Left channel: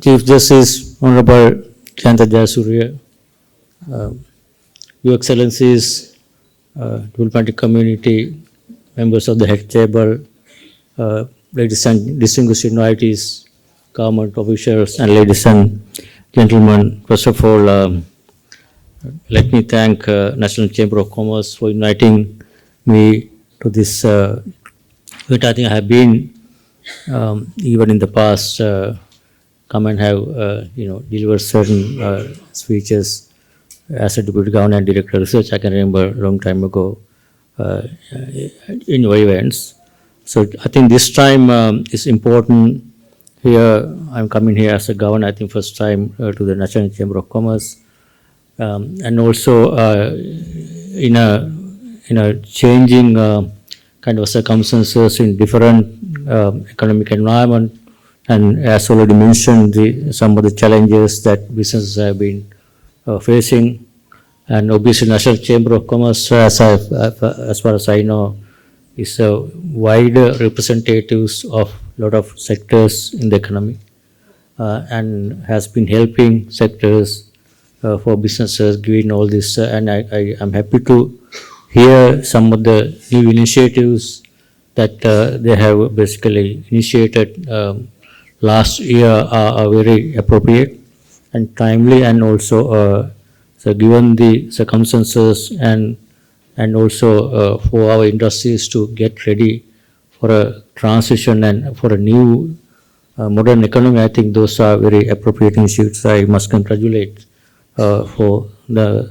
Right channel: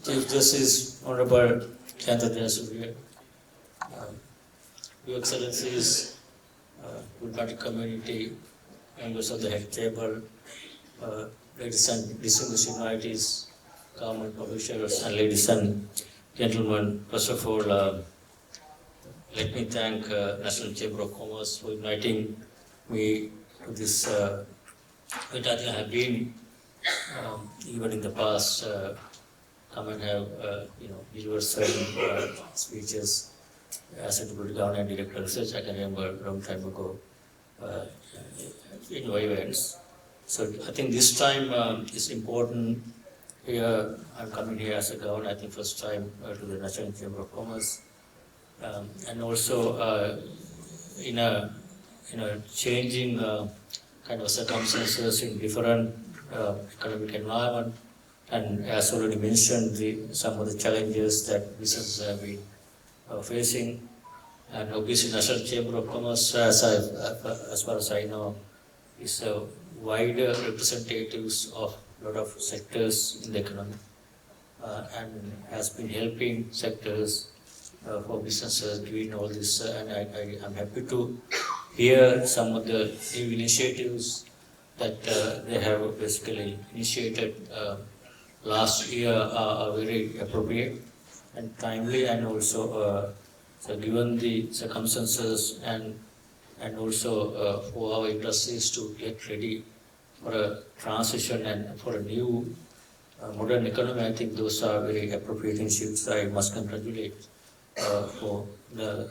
Chief Justice Honorable Chanta Jayasuriya, Your Excellencies, diplomatic community, members of the head table, ladies and distinguished invitees, government officials, and ladies and gentlemen, first of all, let me thank National Chamber of Commerce for inviting me to this event. I think I have been even in the past come and have delivered certain speeches as a deputy governor and director of research. I can remember a long time ago in your events. So I think this time is important. Here I'm coming here as a governor. I think first time to the National Chamber of Commerce, and also in a changing kind of circumstances in different economic environment, and as already mentioned, some of the challenges that businesses have been facing, and obviously National Chamber of Commerce, as far as I know, is a wider representatives of a lot of sectors in the economy, and has been helping sectors for businesses, giving all this, and I am happy to hear some of the new initiatives that they have basically initiated last year are very appropriate and timely, and also so given the circumstances, and also for our industries to get ready for a transition and for a new modern economy. I think those are very appropriate initiatives. I must congratulate for the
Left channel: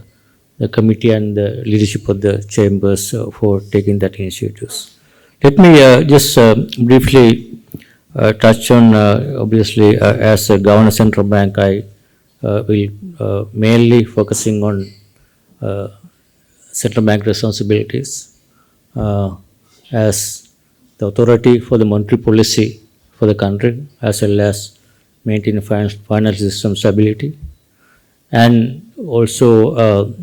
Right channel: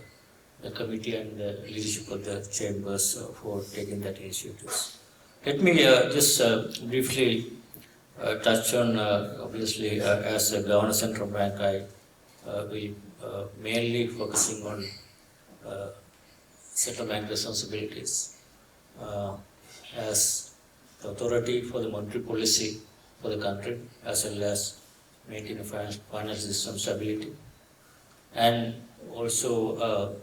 committee and the leadership of the chambers for taking that initiatives. Let me just briefly touch on, obviously, as a governor central bank, I will mainly focusing on central bank responsibilities as the authority for the monetary policy for the country, as well as maintain financial system stability, and also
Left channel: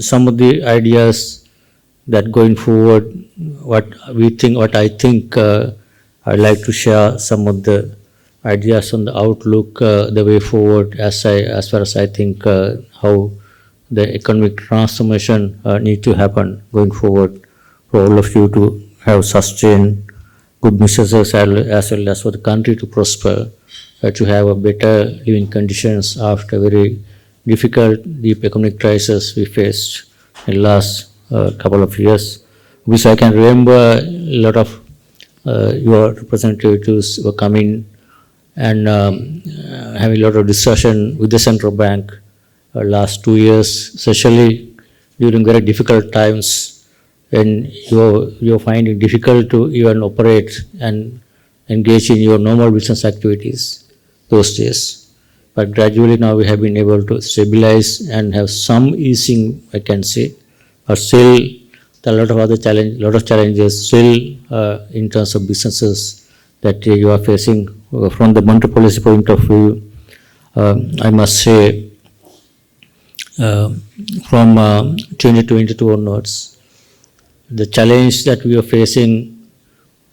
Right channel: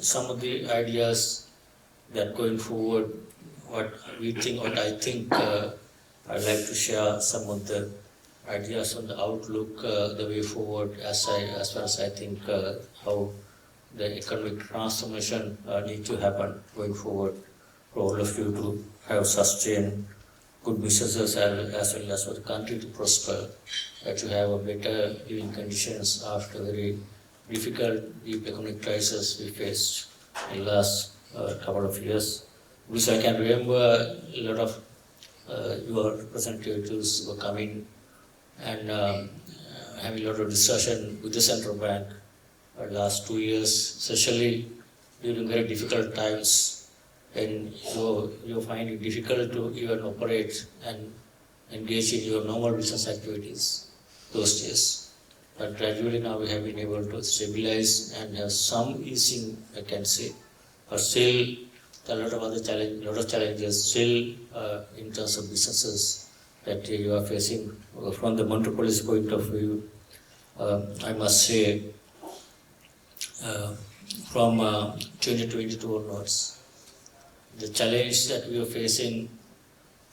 some of the ideas that going forward, what I think, I'd like to share some of the ideas on the outlook, the way forward, as far as I think how the economic transformation need to happen going forward for all of you to have sustained good businesses, as well as for the country to prosper, to have a better living conditions after very difficult, deep economic crisis we faced in the last couple of years, which I can remember a lot of your representatives were coming and having a lot of discussion with the central bank last 2 years, especially during very difficult times when you're finding difficult to even operate and engage in your normal business activities those days. But gradually now we have been able to stabilize and have some easing, I can say, but still there are a lot of challenges still in terms of businesses that you are facing from the monetary policy point of view. I must say, from 2022 onwards, the challenge that we are facing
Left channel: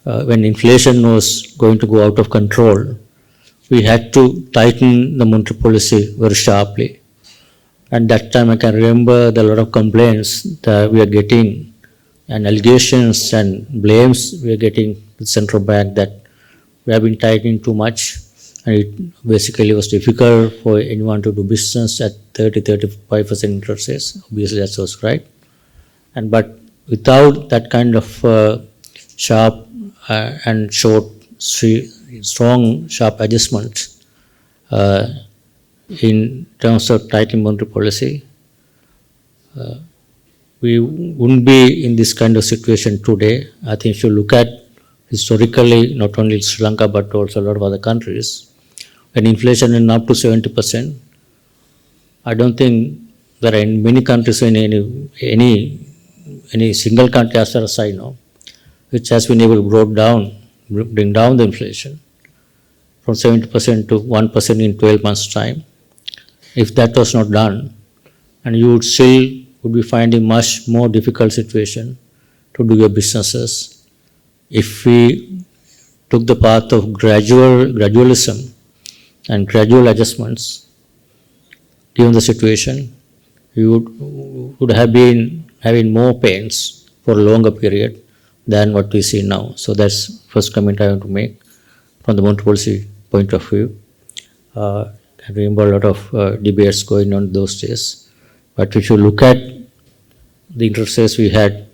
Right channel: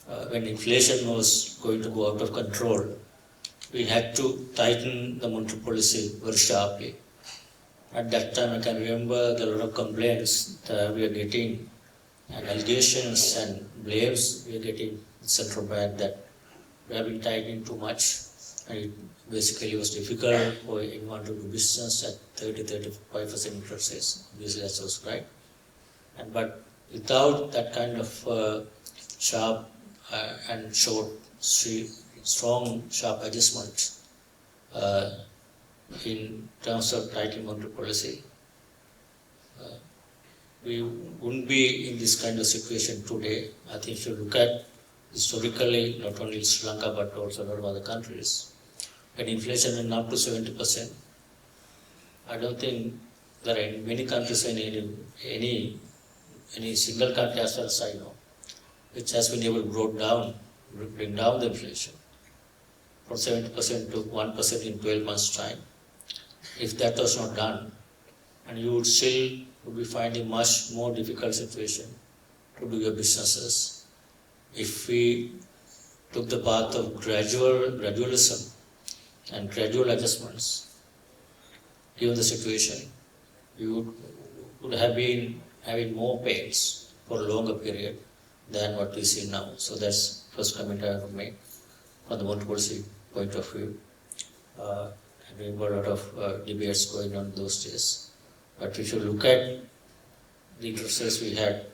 when inflation was going to go out of control, we had to tighten the monetary policy very sharply. And that time I can remember there are a lot of complaints that we are getting, and allegations and blames we are getting to the central bank that we have been tightening too much, and it basically was difficult for anyone to do business at 30-35% interest rates. Obviously that was right. But without that kind of sharp and strong sharp adjustment in terms of tightening monetary policy, we wouldn't be in this kind of situation today. I think if you look at historically, not only Sri Lanka but also a lot of other countries, when inflation is up to 70%, I don't think there are in many countries, in any single country as far as I know, which has been able to bring down the inflation from 70% to 1% in 12 months' time. If that was not done, and you would be finding much more difficult situation to do your businesses. If we took the path of gradualism, and gradual adjustments, given the situation, we would have been having more pains for a longer period than what we see now. So that's first comment I want to make from the monetary policy point of view. I remember a lot of debates going on those days. But if you look at the interest rates we had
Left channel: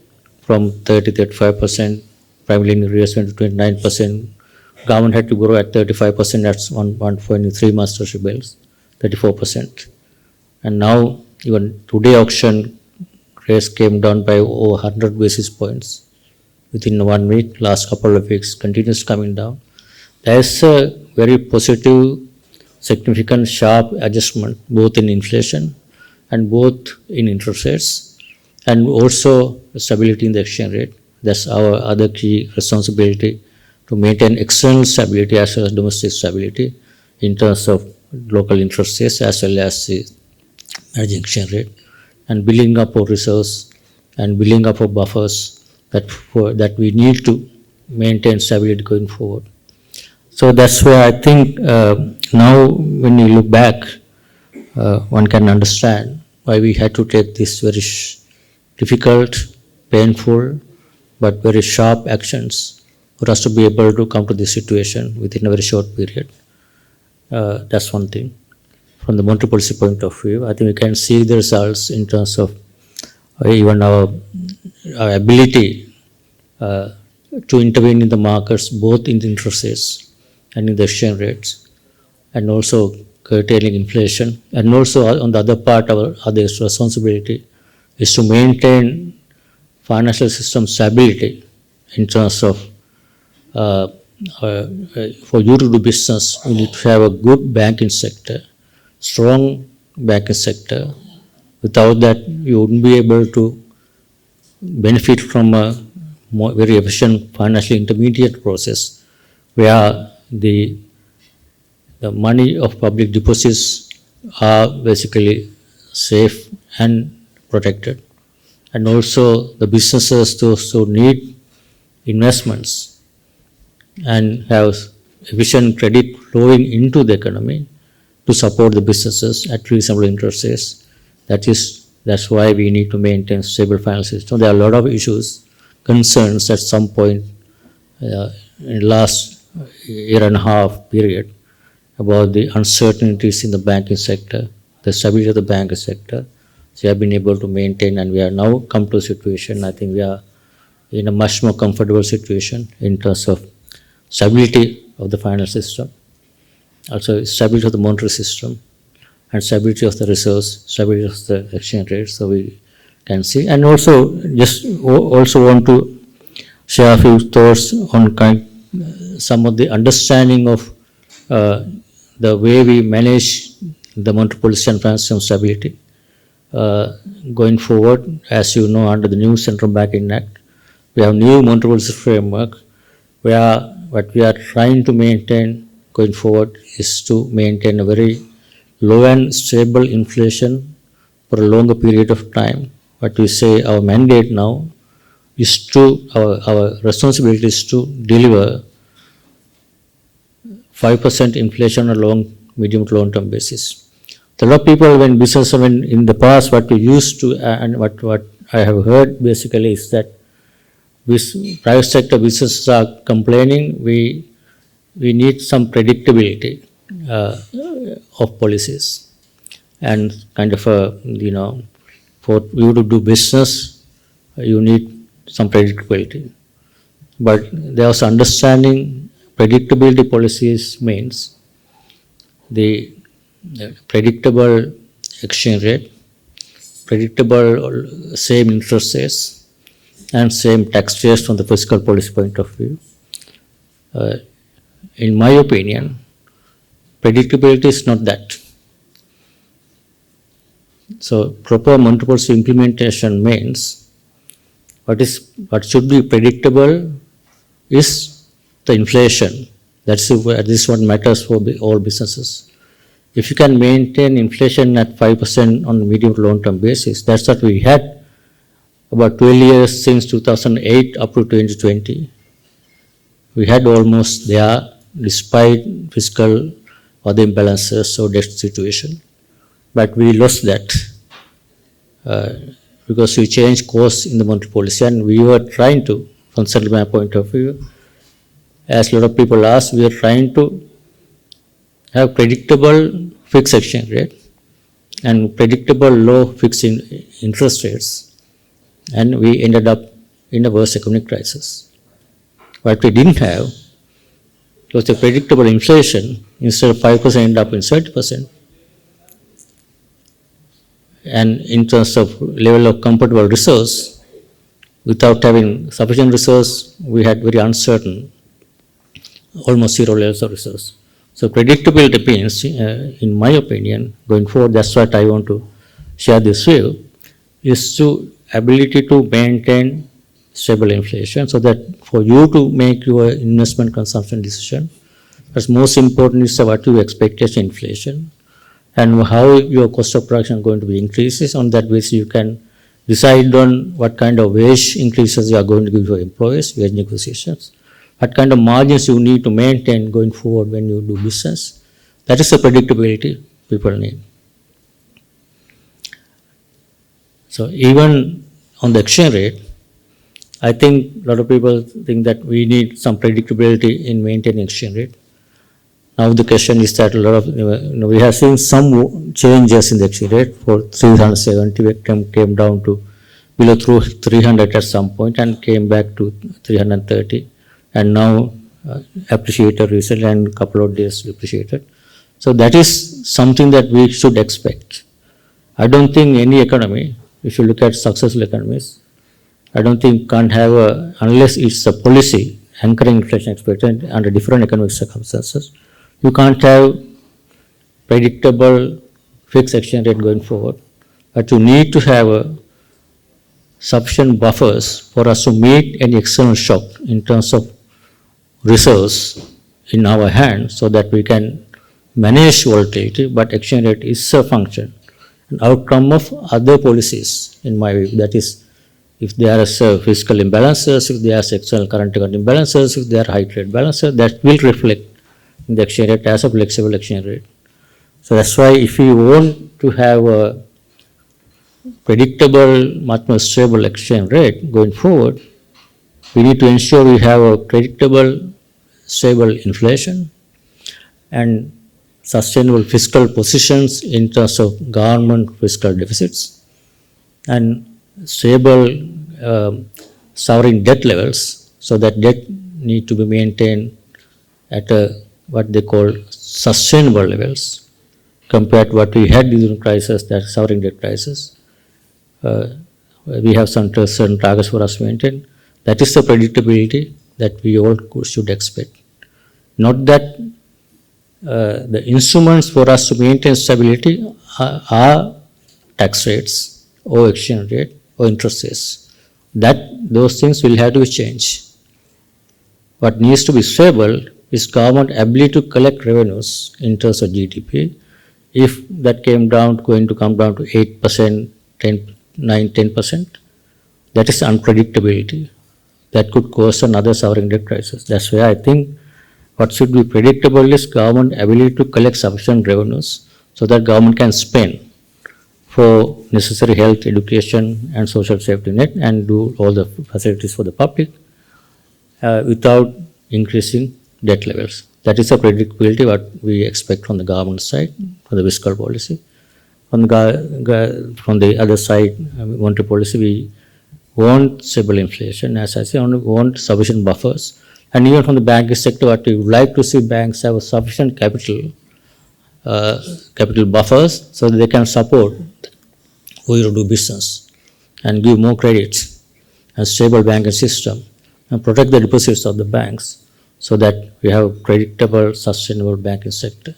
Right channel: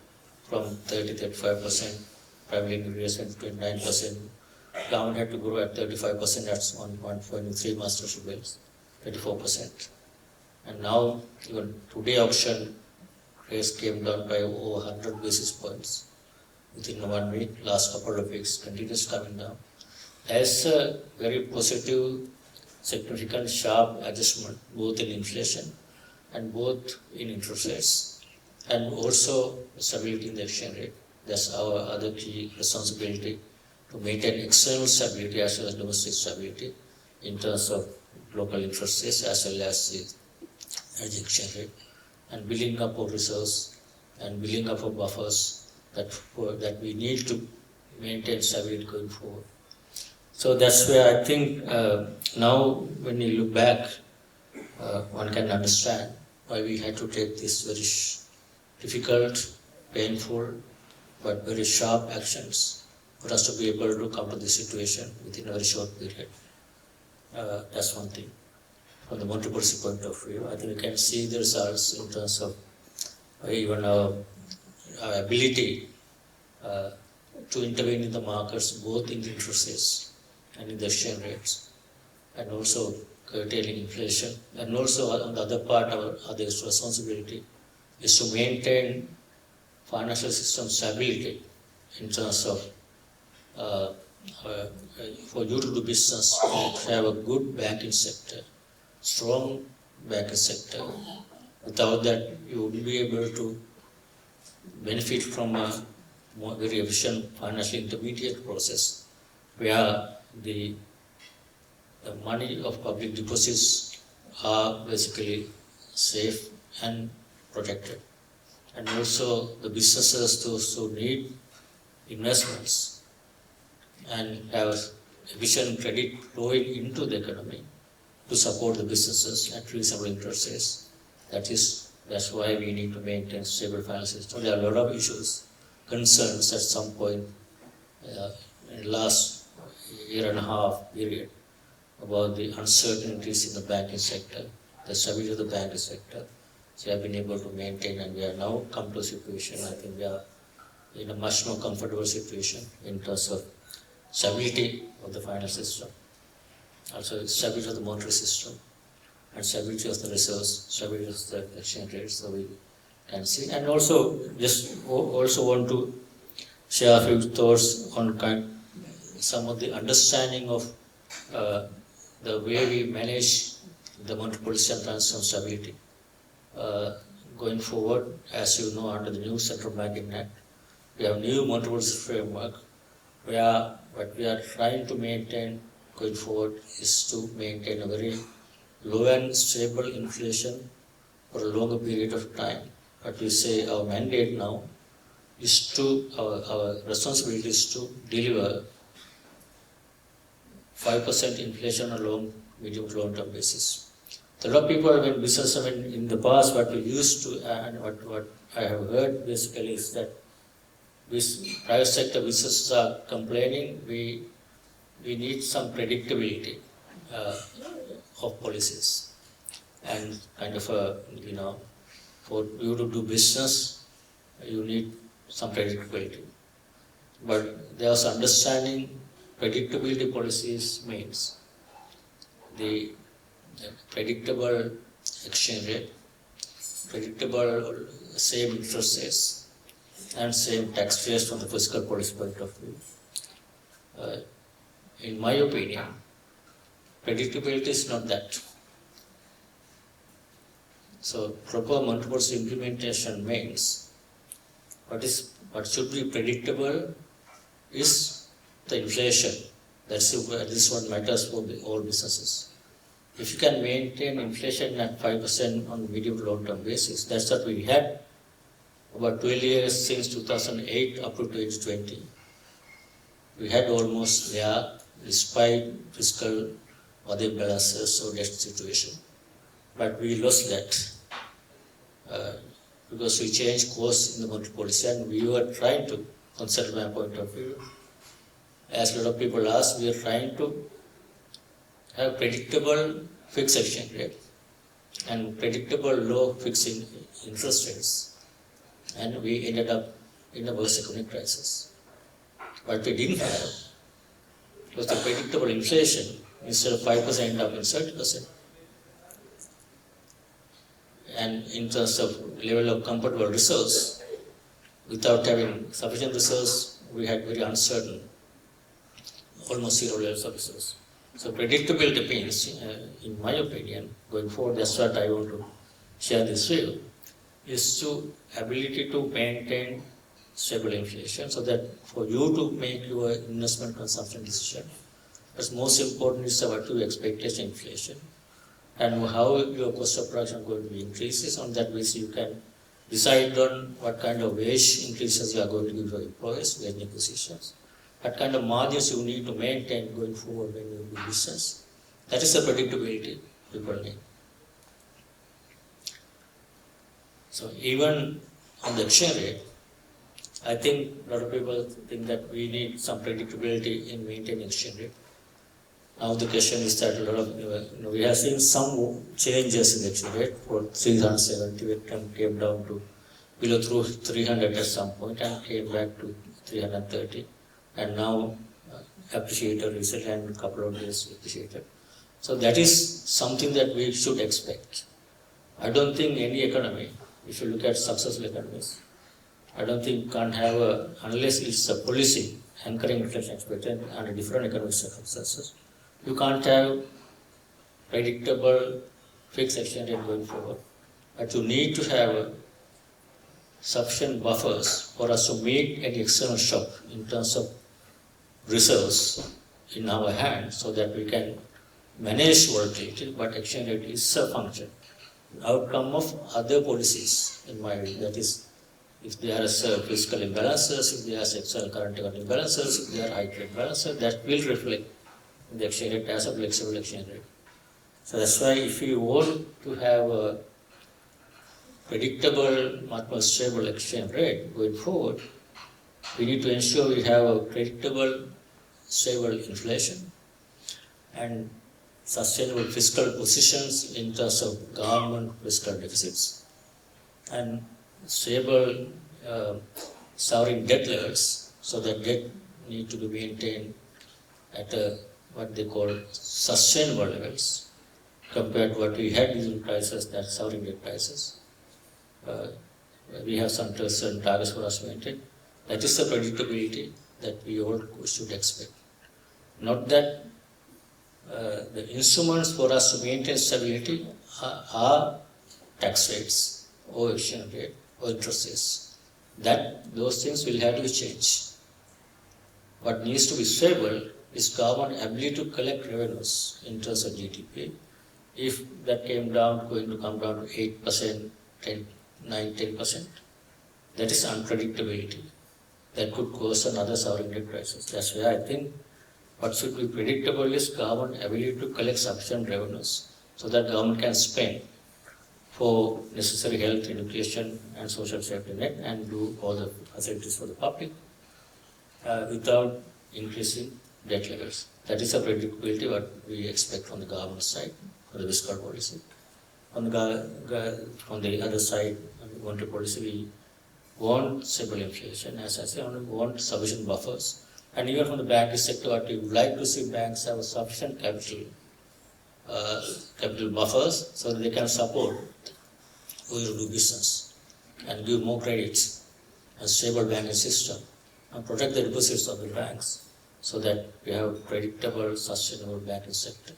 from 35%, primarily in reinvestment to 29%, government had to grow at 35%, that's one point in 3 months treasury bills, 34%. And now even today auction rates came down by over 100 basis points within 1 week, last couple of weeks, continues coming down. There is a very positive, significant, sharp adjustment both in inflation and both in interest rates, and also stability in the exchange rate. That's our other key responsibility, to maintain external stability as well as domestic stability in terms of local interest rates as well as the emerging exchange rate, and building up our reserves and building up our buffers that we need to maintain stability going forward. So that's where I think now when you look back, one can understand why we had to take this very difficult, painful, but very sharp actions for us to be able to come to this situation within a very short period. That's one thing. From the monetary policy point of view, I think we can see the results in terms of even our ability to intervene in the markets, both in the interest rates and in the exchange rates, and also curtailing inflation. And also on the other part, our other responsibility is to maintain financial system stability in terms of for you to do business, you need to have a good banking sector, strong banking sector. Without that, you wouldn't be able to benefit from a very efficient financial intermediate process where the money of public deposits are basically safe and protected. And also the businesses, those who need investments and have efficient credit flowing into the economy to support the businesses at reasonable interest rates. That's why we need to maintain stable financial system. There are a lot of issues, concerns at some point in the last year and a half period about the uncertainties in the banking sector, the stability of the banking sector. So we have been able to maintain, and we are now come to a situation, I think we are in a much more comfortable situation in terms of stability of the financial system, also stability of the monetary system, and stability of the reserves, stability of the exchange rate. So we can see, and also also want to share a few thoughts on some of the understanding of the way we manage the monetary policy and financial stability going forward. As you know, under the new Central Banking Act, we have new monetary policy framework where what we are trying to maintain going forward is to maintain a very low and stable inflation for a longer period of time. What we say our mandate now is to, our responsibility is to deliver 5% inflation on a medium to long term basis. A lot of people, when business, in the past, what we used to, and what I have heard basically is that private sector businesses are complaining we need some predictability of policies, and kind of for you to do business, you need some predictability. But there was understanding predictability policies means the predictable exchange rate, predictable same interest rates, and same tax rates from the fiscal policy point of view. In my opinion, predictability is not that. So proper monetary policy implementation means what should be predictable is the inflation. This is what matters for all businesses. If you can maintain inflation at 5% on a medium to long term basis, that's what we had about 12 years since 2008 up to 2020. We had almost there, despite fiscal or the imbalances or debt situation. But we lost that because we changed course in the monetary policy, and we were trying to, from central bank point of view, as a lot of people ask, we are trying to have predictable fixed exchange rate and predictable low fixed interest rates, and we ended up in a worse economic crisis. What we didn't have was a predictable inflation. Instead of 5%, ended up in 30%. And in terms of level of comfortable resource, without having sufficient resource, we had very uncertain, almost zero levels of resource. So predictability means, in my opinion, going forward, that's what I want to share this view, is to ability to maintain stable inflation, so that for you to make your investment consumption decision, what's most important is what you expect as inflation and how your cost of production is going to be increases. On that basis, you can decide on what kind of wage increases you are going to give your employees, wage negotiations, what kind of margins you need to maintain going forward when you do business. That is the predictability people need. So even on the exchange rate, I think a lot of people think that we need some predictability in maintaining exchange rate. Now the question is that a lot of, we have seen some changes in the exchange rate. For 370, it came down to below 300 at some point and came back to 330, and now appreciated recently and a couple of days depreciated. So that is something that we should expect. I don't think any economy, if you look at successful economies, I don't think can't have unless it's a policy anchoring inflation expectation under different economic circumstances, you can't have predictable fixed exchange rate going forward. But you need to have sufficient buffers for us to meet any external shock in terms of reserves in our hands, so that we can manage volatility. But exchange rate is a function, an outcome of other policies, in my view. That is, if there are fiscal imbalances, if there are external current account imbalances, if there are high trade balances, that will reflect in the exchange rate as a flexible exchange rate. So that's why if you want to have a predictable, much more stable exchange rate going forward, we need to ensure we have a predictable, stable inflation and sustainable fiscal positions in terms of government fiscal deficits, and stable sovereign debt levels, so that debt need to be maintained at what they call sustainable levels compared to what we had during the crisis, that sovereign debt crisis. We have some certain targets for us to maintain. That is the predictability that we all should expect. Not that the instruments for us to maintain stability are tax rates or exchange rate or interest rates. Those things will have to change. What needs to be stable is government ability to collect revenues in terms of GDP. If that going to come down to 8%, 10%, that is unpredictability. That could cause another sovereign debt crisis. That's why I think what should be predictable is government ability to collect sufficient revenues, so that government can spend for necessary health, education, and social safety net, and do all the facilities for the public without increasing debt levels. That is a predictability what we expect from the government side, from the fiscal policy. From the other side, monetary policy, we want stable inflation, as I say, we want sufficient buffers. And even from the banking sector, what we would like to see banks have sufficient capital buffers, so that they can support who you do business and give more credits and stable banking system and protect the deposits of the banks, so that we have a predictable, sustainable banking sector.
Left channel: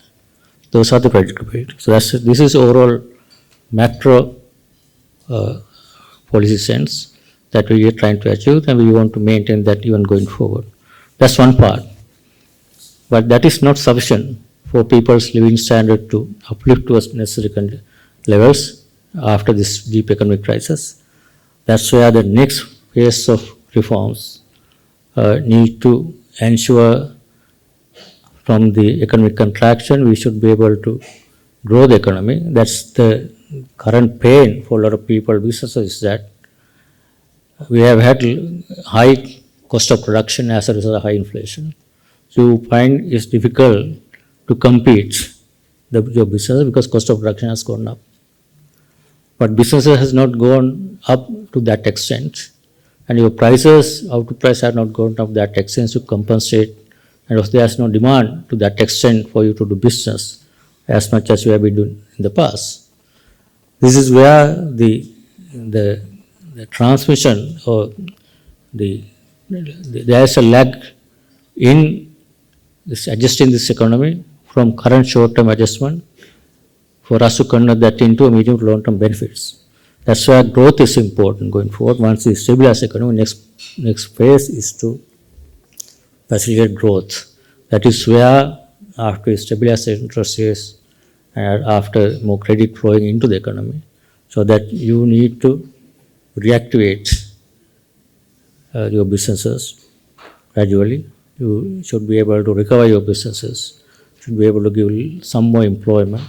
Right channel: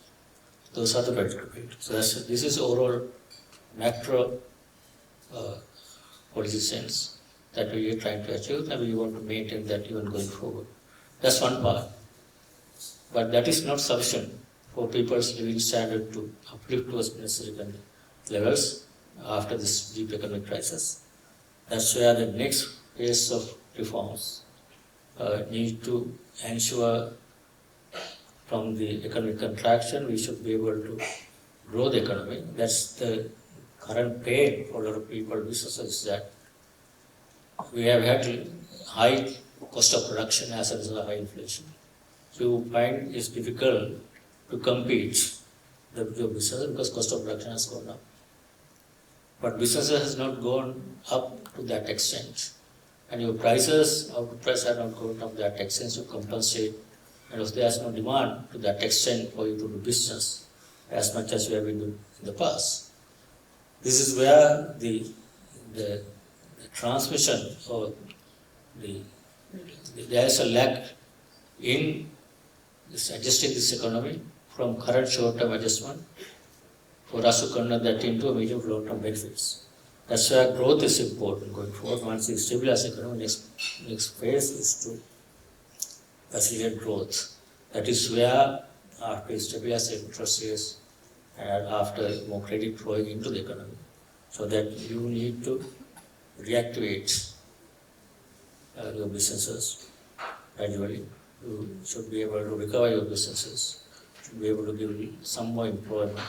Those are the predictability. So this is overall macro policy sense that we are trying to achieve, and we want to maintain that even going forward. That's one part. But that is not sufficient for people's living standard to uplift to necessary levels after this deep economic crisis. That's where the next phase of reforms need to ensure from the economic contraction, we should be able to grow the economy. That's the current pain for a lot of people, businesses, is that we have had high cost of production as a result of high inflation. So you find it's difficult to compete your business because cost of production has gone up. But businesses has not gone up to that extent, and your prices, output price, have not gone up to that extent to compensate. And if there is no demand to that extent for you to do business as much as you have been doing in the past. This is where the transmission or there is a lag in this adjusting this economy from current short-term adjustment for us to convert that into a medium to long-term benefits. That's why growth is important going forward. Once we stabilize the economy, next phase is to facilitate growth. That is where after we stabilize the interest rates and after more credit flowing into the economy, so that you need to reactivate your businesses gradually. You should be able to recover your businesses, should be able to give some more employment,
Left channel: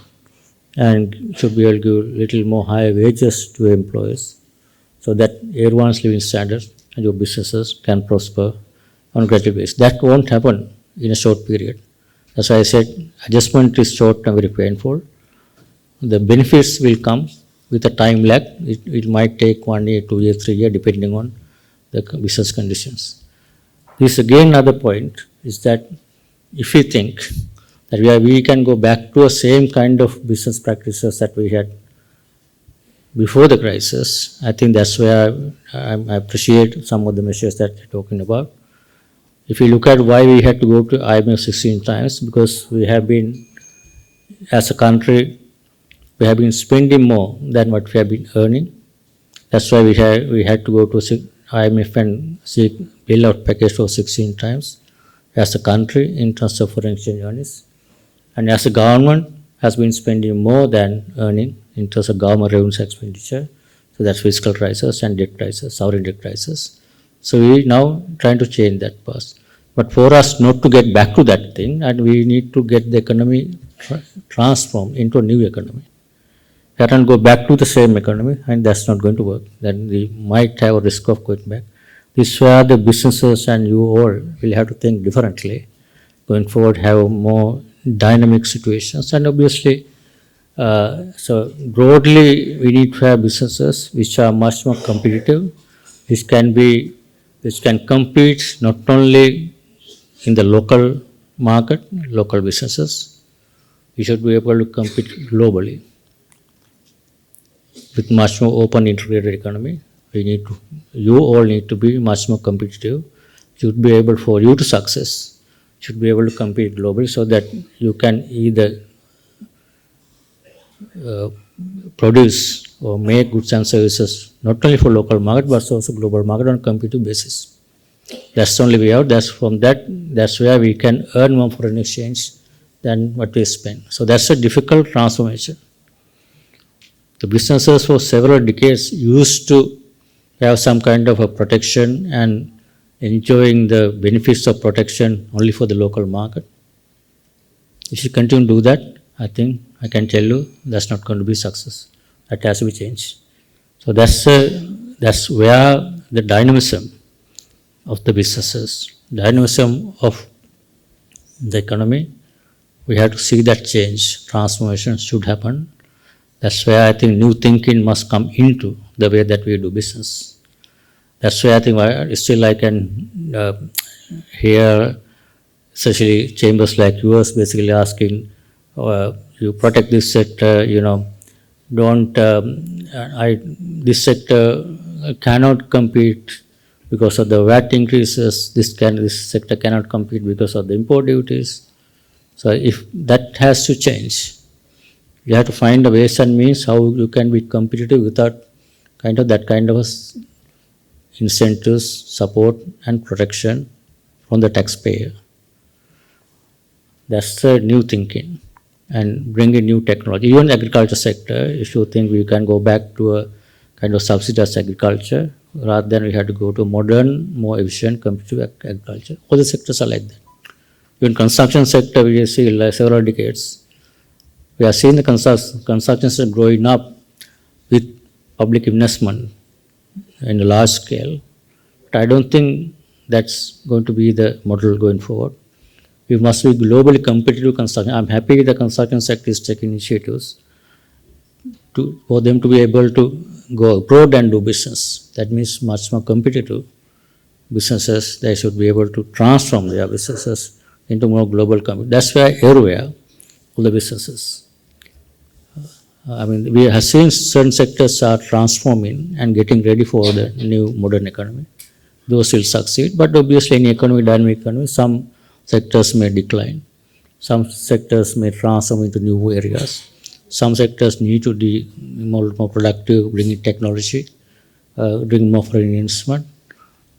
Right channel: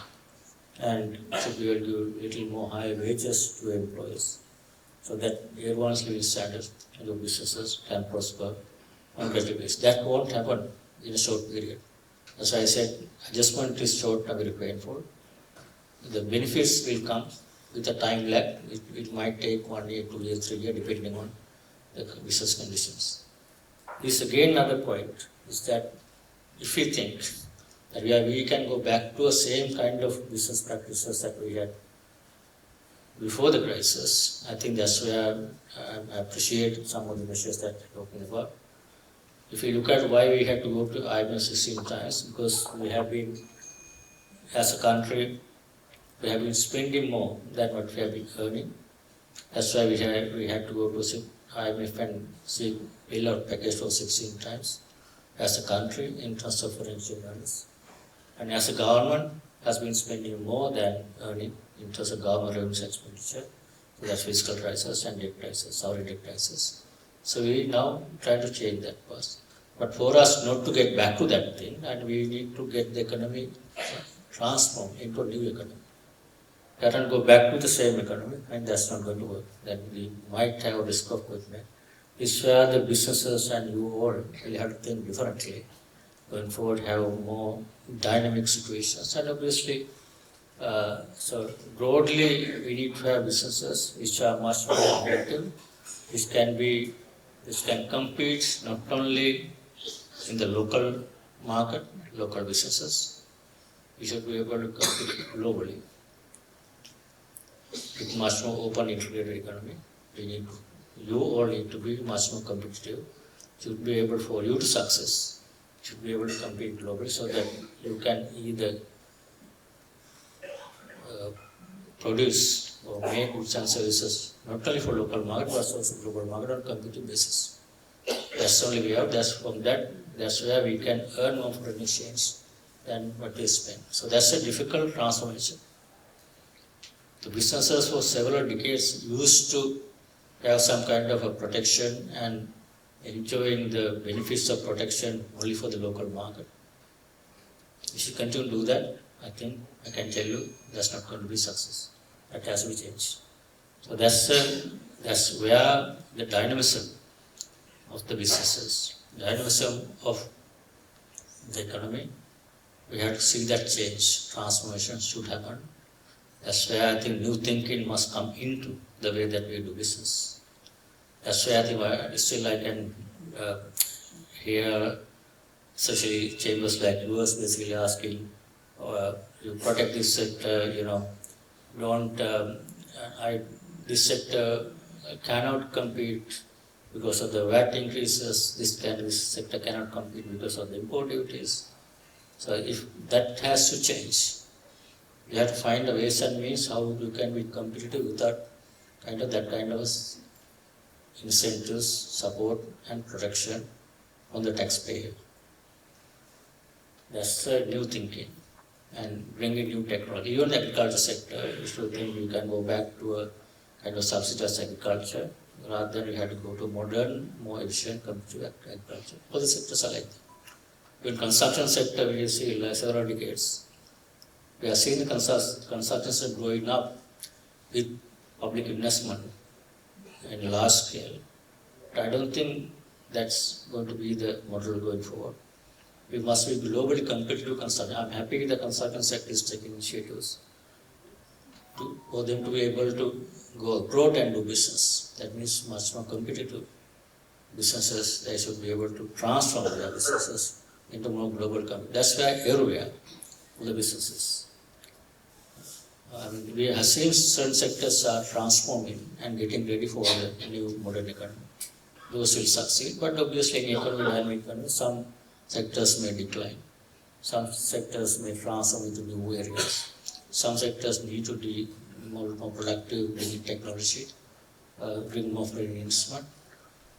and should be able to give little more higher wages to employees, so that everyone's living standard and your businesses can prosper on a gradual basis. That won't happen in a short period. As I said, adjustment is short and very painful. The benefits will come with a time lag. It might take 1 year, 2 years, 3 years, depending on the business conditions. This again another point is that if we think that we can go back to the same kind of business practices that we had before the crisis, I think that's where I appreciate some of the measures that you're talking about. If you look at why we had to go to IMF 16 times, because we have been, as a country, we have been spending more than what we have been earning. That's why we had to go to IMF and seek bailout package for 16 times as a country in terms of foreign exchange earnings. And as a government has been spending more than earning in terms of government revenues expenditure. So that's fiscal crisis and debt crisis, sovereign debt crisis. So we now trying to change that path. But for us not to get back to that thing, and we need to get the economy transformed into a new economy. That and go back to the same economy, and that's not going to work. Then we might have a risk of going back. This is where the businesses and you all will have to think differently. Going forward, have more dynamic situations, and obviously, so broadly, we need to have businesses which are much more competitive. This can compete not only in the local market, local businesses. We should be able to compete globally with much more open integrated economy. You all need to be much more competitive. Should be able for you to success. Should be able to compete globally so that you can either produce or make goods and services not only for local market but also global market on a competitive basis. That's the only way out. That's where we can earn more foreign exchange than what we spend. So that's a difficult transformation. The businesses for several decades used to have some kind of a protection and enjoying the benefits of protection only for the local market. If you continue to do that, I think I can tell you that's not going to be success. That has to be changed. So that's where the dynamism of the businesses, dynamism of the economy, we have to see that change, transformation should happen. That's where I think new thinking must come into the way that we do business. That's where I think still I can hear, especially chambers like yours, basically asking, you protect this sector, this sector cannot compete because of the VAT increases, this sector cannot compete because of the import duties. So if that has to change, you have to find a ways and means how you can be competitive without that kind of incentives, support and protection from the taxpayer. That's the new thinking and bring in new technology. Even the agriculture sector, if you think we can go back to a kind of subsidized agriculture, rather than we have to go to modern, more efficient, competitive agriculture. All the sectors are like that. Even construction sector, we see like several decades. We are seeing the construction sector growing up with public investment in a large scale. But I don't think that's going to be the model going forward. We must be globally competitive construction. I'm happy the construction sector is taking initiatives for them to be able to go abroad and do business. That means much more competitive businesses. They should be able to transform their businesses into more global company. That's why everywhere, all the businesses. I mean, we have seen certain sectors are transforming and getting ready for the new modern economy. Those will succeed, but obviously in economy, dynamic economy, some sectors may decline. Some sectors may transform into new areas. Some sectors need to be more productive, bring in technology, bring more foreign investment,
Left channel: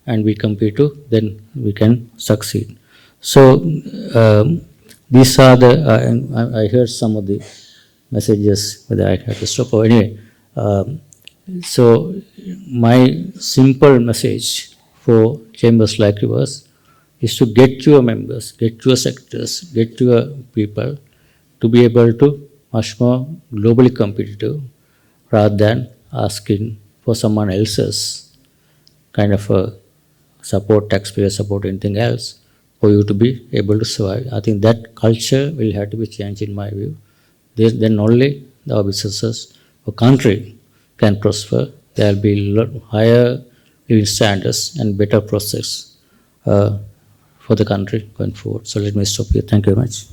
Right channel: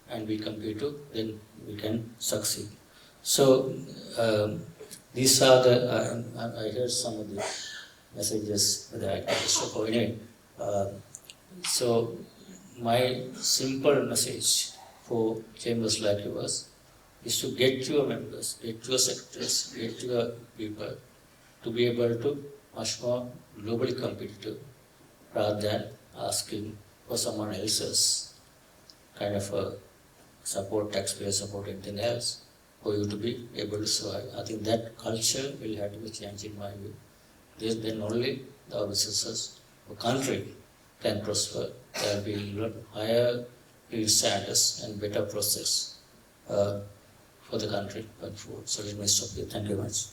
and we compete to, then we can succeed. So these are the, and I heard some of the messages whether I have to stop or anyway. So my simple message for chambers like yours is to get your members, get your sectors, get your people to be able to much more globally competitive rather than asking for someone else's kind of a support, taxpayer support, anything else for you to be able to survive. I think that culture will have to be changed in my view. Then only our businesses or country can prosper. There will be higher living standards and better process for the country going forward. So let me stop here. Thank you very much.